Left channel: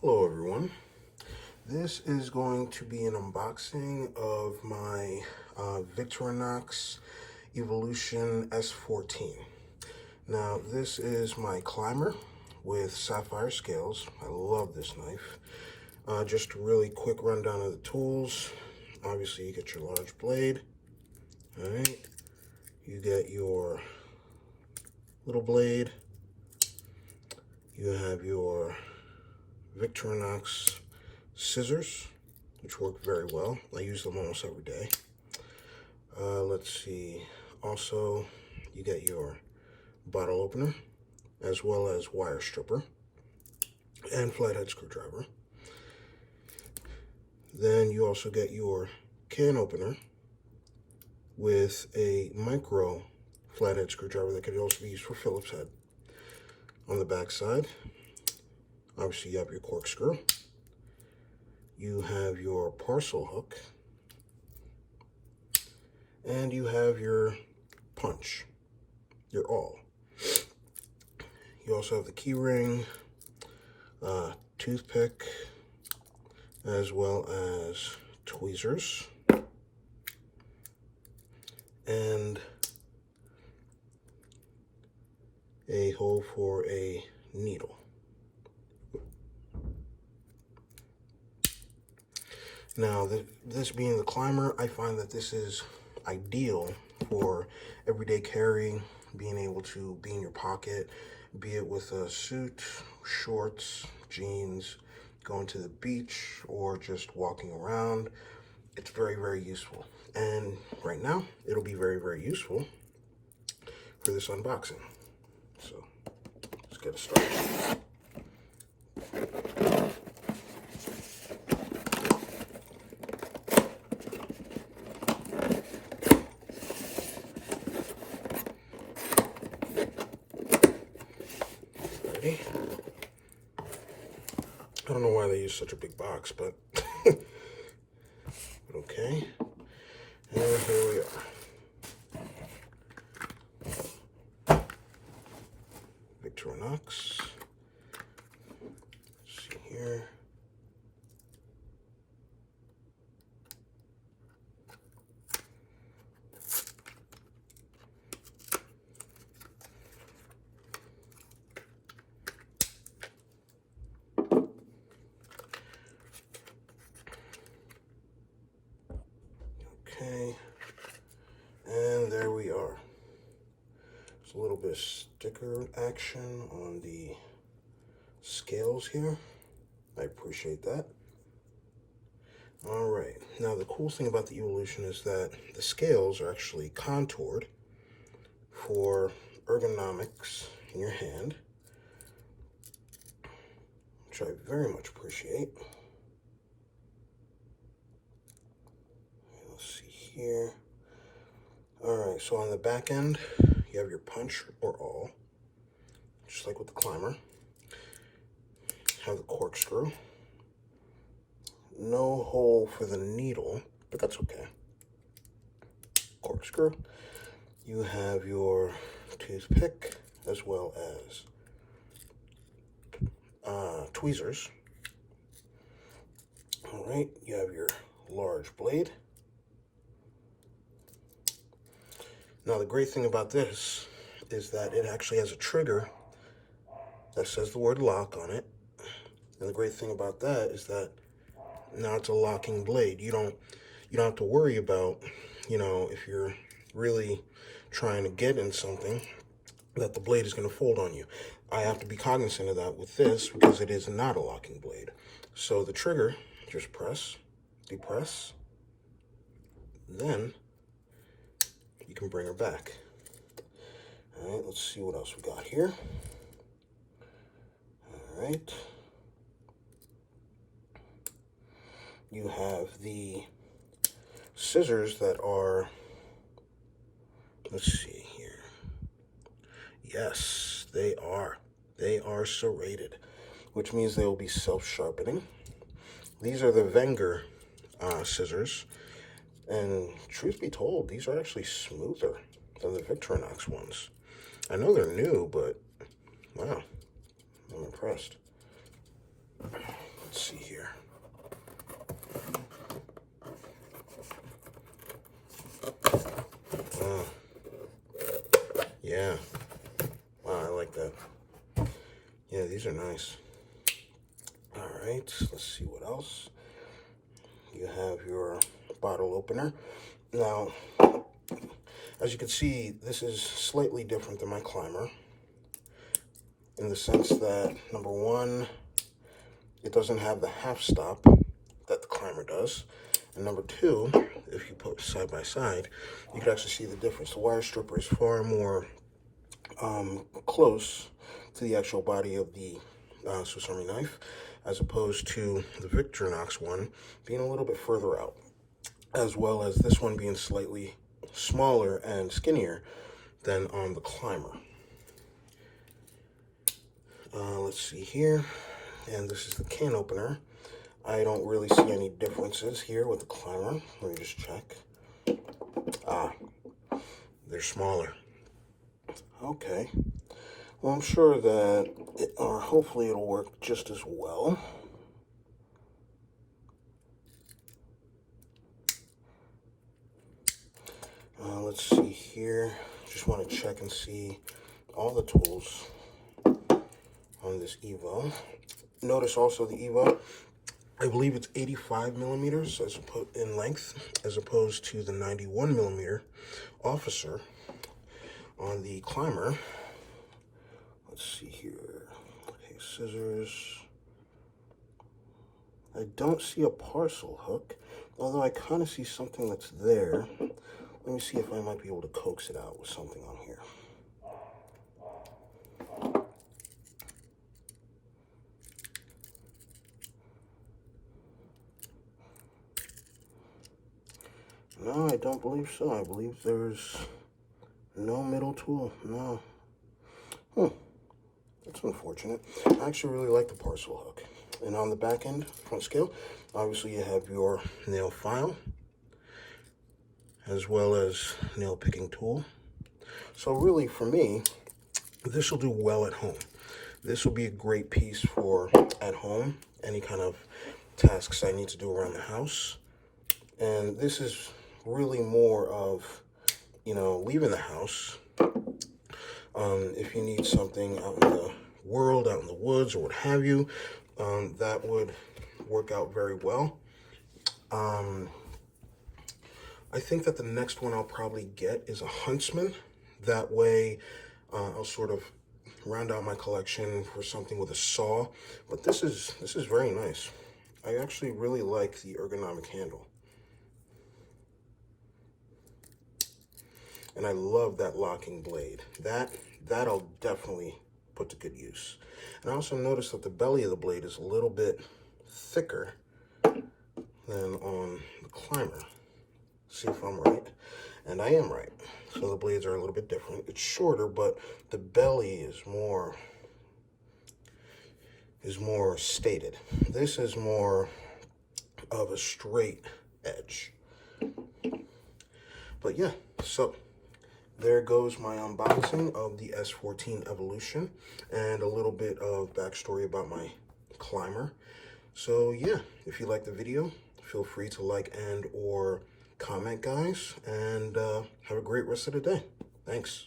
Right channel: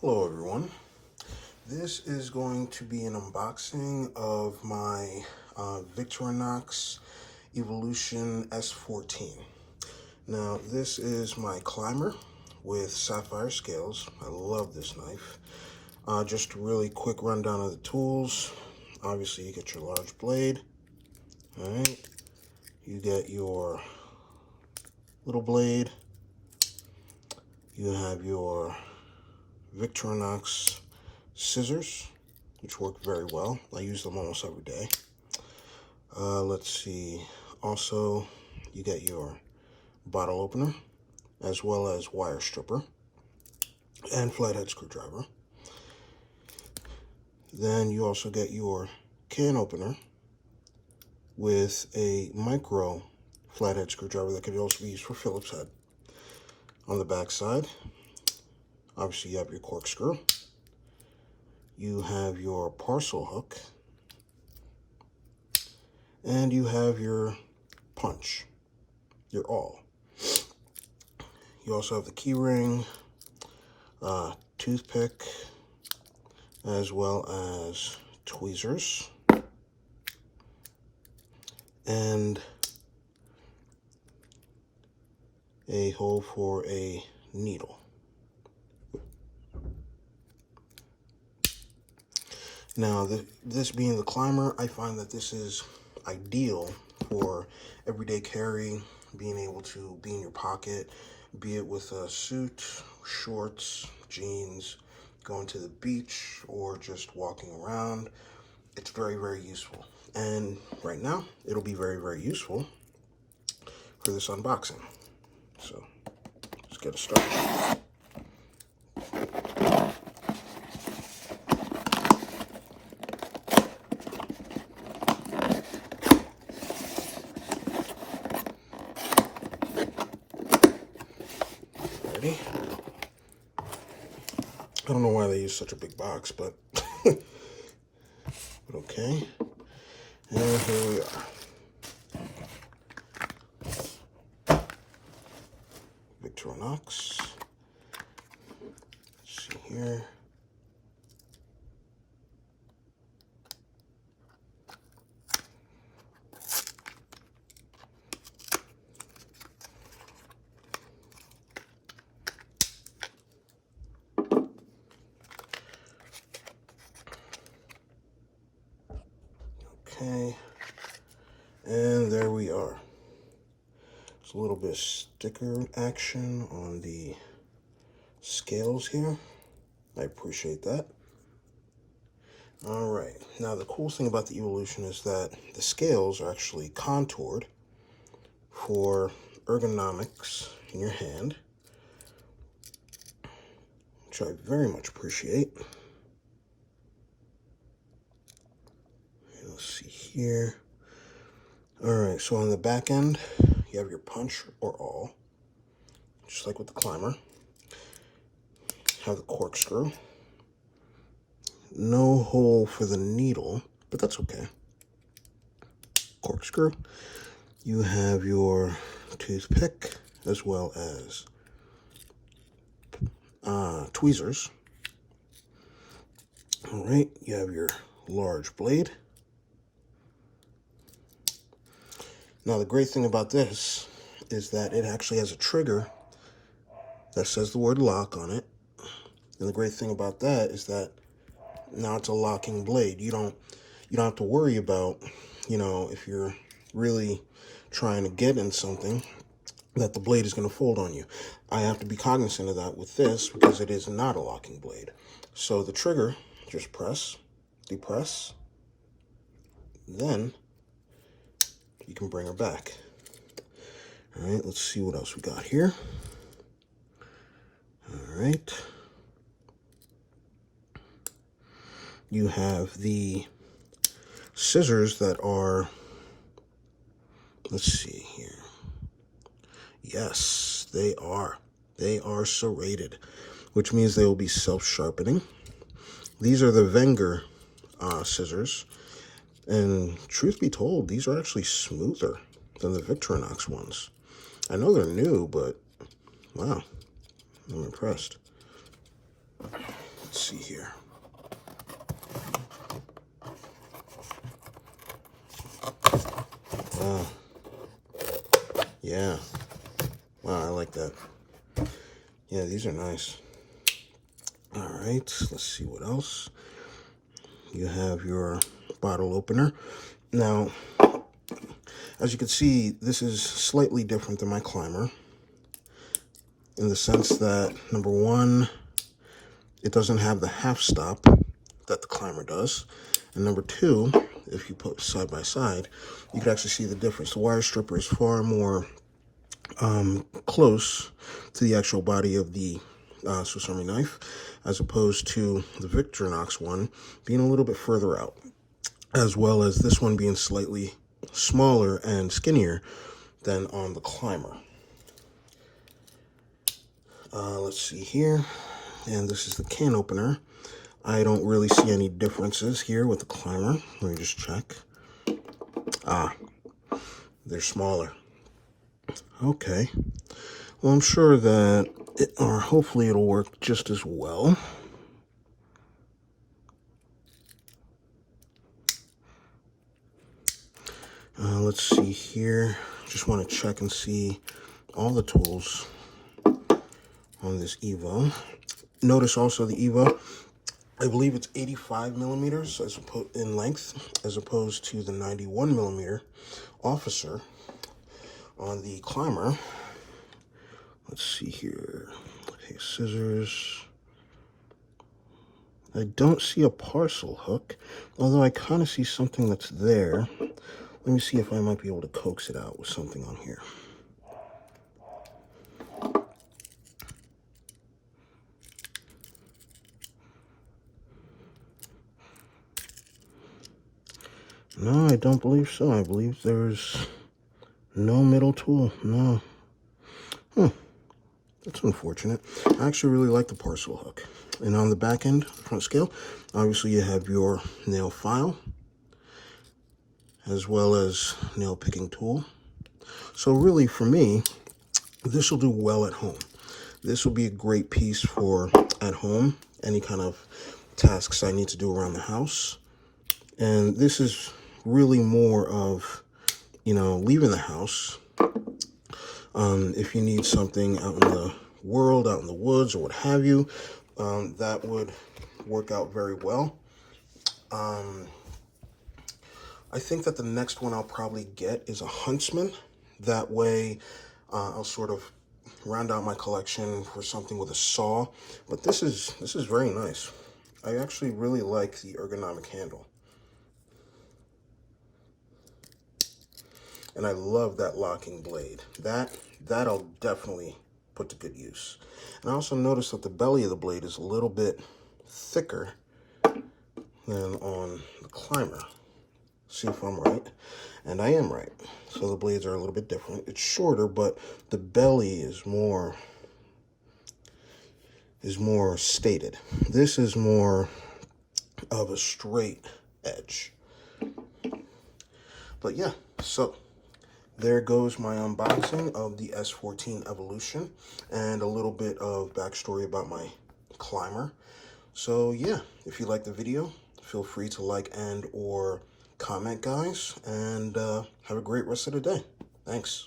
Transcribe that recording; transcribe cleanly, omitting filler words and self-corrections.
Hello everyone. This is going to be an unboxing of my Victorinox Evolution S14. Now this is my climber with sapphire scales. I love this knife. Just a really quick rundown of the tools. Obviously you get your large blade. Alright. You get your little blade. You have your Victorinox scissors, which work very well. I use them almost every day. Let's see. Also, you get your bottle opener, as well as wire stripper and flathead screwdriver. Then you also get your can opener with a micro flathead screwdriver that can also be used for Phillips head. On the back side, obviously you have your corkscrew. You have your parcel hook. And you have your punch, your awl. You also have the key ring, toothpick, as well as tweezers. And a hole for a needle. Now, this being the climber, I find that this is ideal for everyday carry, being able to be in your pocket, be it with a suit, shorts, jeans, going to the beach, or just walking around. It's very, very useful. And right now, it'll be very, very useful for this unboxing. So, let's get it started. I don't know why they use such a big box, but okay. And here we are. Victorinox. Let's see here. Okay, and there we are. There's a little bit of sticker action on the scales here. I appreciate that. All right, now the cool thing about the Evolution is that the scales are actually contoured for ergonomics in your hand, which I very much appreciate. Here. All right, so on the back end, you have your punch or awl, just like with the climber. Have the corkscrew. No hole for the needle, but that's okay. Corkscrew. You have your toothpick, as well as tweezers. All right, you have your large blade. Now, the great thing about this is that it actually has a trigger that says the word lock on it. And the great thing about that is that now it's a locking blade. You don't have to worry about, if you're really trying to get in something, that the blade is going to fold on you. I have to be cognizant of that with this because it is not a locking blade. So the trigger, just press, depress, then you can bring her back. All right, let's see what else we got here. All right. You have the scissors that are, let's see here. Yes, they are. They are serrated, which means they will be self-sharpening. These are the Wenger scissors. And truth be told, these are actually smoother than the Victorinox ones. I know they're new, but wow, I'm impressed. Let's see here. Yeah. Wow, I like that. Yeah, these are nice. All right, let's see what else. You have your bottle opener. Now, as you can see, this is slightly different than my climber in the sense that, number one, it doesn't have the half stop that the climber does. And number two, if you put side by side, you can actually see the difference. The wire stripper is far more close to the actual body of the Swiss Army knife, as opposed to the Victorinox one being a little bit further out, as well as this one being slightly smaller and skinnier than on the climber. Let's see here, and this is the can opener. I don't really see any differences here with the climber. Let me just check. They're smaller. Okay. Well, I'm sure that hopefully it'll work just as well. Let's see here. Just want to check and see all the tools on this Evo. Notice also the Evo, I believe it's 85 millimeters in length, as opposed to the 91 millimeter officer on the climber. Let's see here. Okay, scissors. I don't see a parcel hook, although I kind of see something that's there. Let me see if I might be able to coax it out with something on here. No, I don't believe so. I believe there's no middle tool. No. That's unfortunate. I actually really like the parcel hook. And on the back end, front scale, obviously you have your nail file, as well as nail picking tool. So really, for me, this will do well at home. This will be a great piece for at home, any kind of tasks I need to do around the house. And this is really more of, leaving the house. If you need something out in the world, out in the woods, or what have you, that would work out very well. I think that the next one I'll probably get is a huntsman. That way, I'll sort of round out my collection for something with a saw. But this is very nice. I actually really like the ergonomic handle. And I love that locking blade. That'll definitely put to good use. And I also noticed that the belly of the blade is a little bit thicker than on the climber. See if I'm right. And I am right. So the blades are a little bit different. It's shorter, but the belly is more stated. This is more of a straight edge. But yeah, so there goes my unboxing of the S14 Evolution and a little bit of backstory about my climber. So yeah, if you like the video, feel free to like and or comment, guys, and have a great rest of the day. Thanks.